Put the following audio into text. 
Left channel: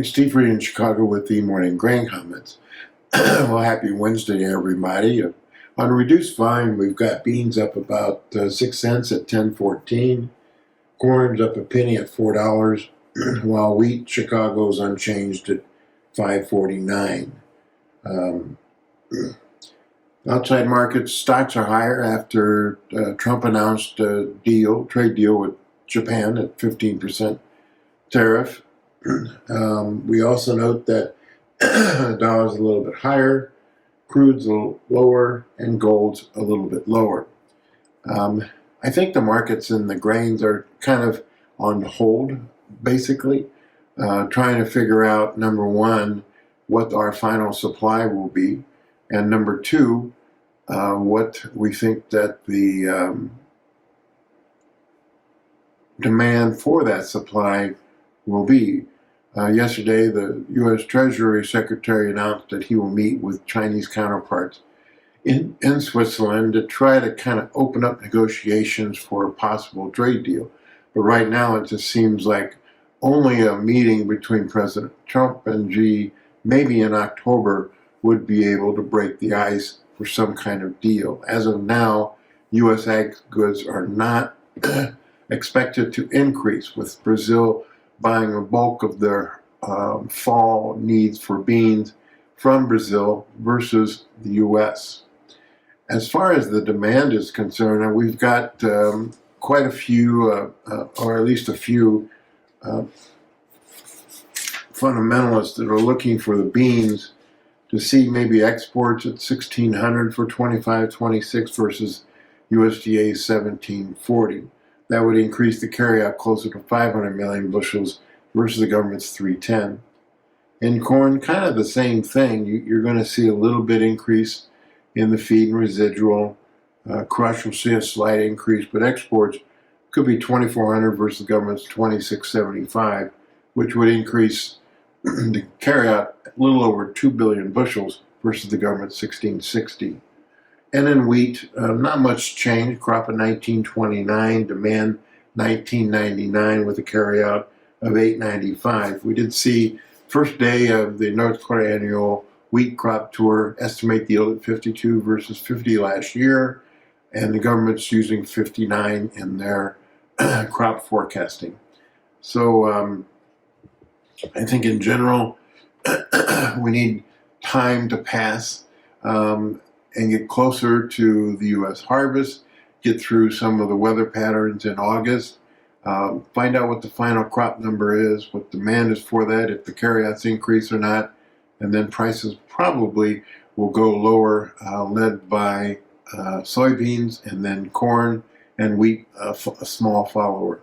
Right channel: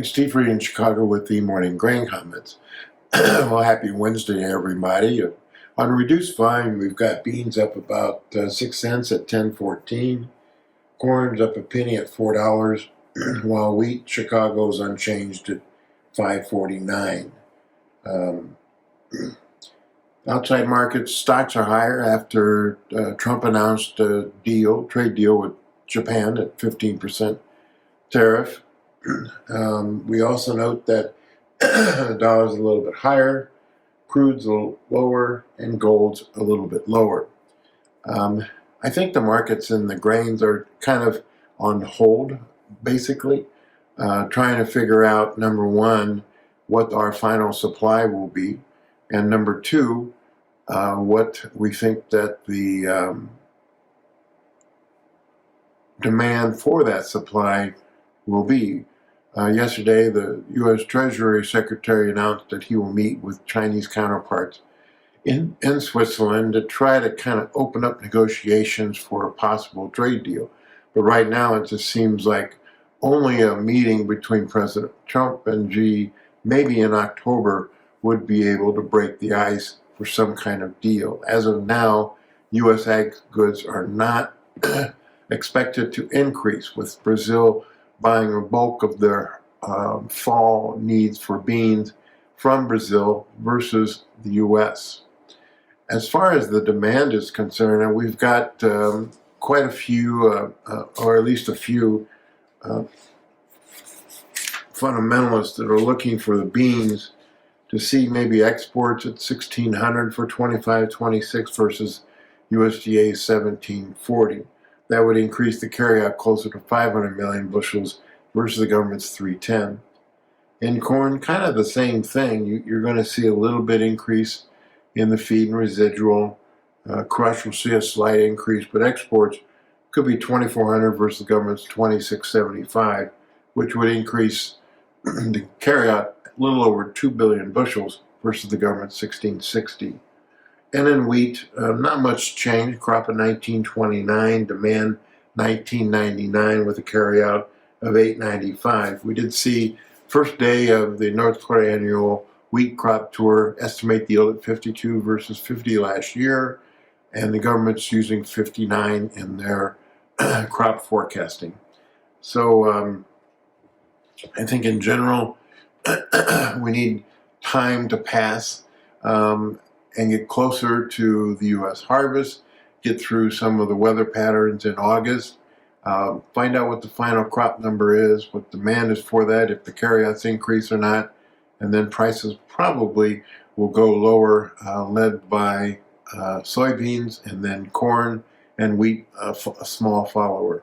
morning. Steve Reed in Chicago with the morning grain comments. Well, happy Wednesday, everybody. On reduced volume, we've got beans up about 6 cents at 10.14. Corn's up a penny at $4, while wheat, Chicago's unchanged at 5.49. Outside markets, stocks are higher after Trump announced a trade deal with Japan at 15% tariff. We also note that the dollar's a little bit higher, crude's a little lower, and gold's a little bit lower. I think the markets and the grains are kind of on hold, basically, trying to figure out, number one, what our final supply will be, and number two, what we think that the demand for that supply will be. Yesterday, the U.S. Treasury Secretary announced that he will meet with Chinese counterparts in Switzerland to try to kind of open up negotiations for a possible trade deal. But right now, it just seems like only a meeting between President Trump and Xi, maybe in October, would be able to break the ice for some kind of deal. As of now, U.S. ag goods are not expected to increase, with Brazil buying a bulk of their fall needs for beans from Brazil versus the U.S. As far as the demand is concerned, and we've got quite a few, or at least a few fundamentalists that are looking for the beans to see maybe exports at 1,600 for 25-26 versus USDA's 1,740. That would increase the carryout closer to 500 million bushels versus the government's 310. In corn, kind of the same thing. You're going to see a little bit increase in the feed and residual. Crush will see a slight increase, but exports could be 2,400 versus the government's 2,675, which would increase the carryout a little over 2 billion bushels versus the government's 1,660. And in wheat, not much change. Crop of 1929, demand 1999 with a carryout of 895. We did see first day of the North Dakota annual wheat crop tour estimate the yield at 52 versus 50 last year, and the government's using 59 in their crop forecasting. So I think in general, we need time to pass and get closer to the U.S. harvest, get through some of the weather patterns in August, find out what the final crop number is, what demand is for that, if the carryouts increase or not, and then prices probably will go lower, led by soybeans and then corn and wheat, a small follower.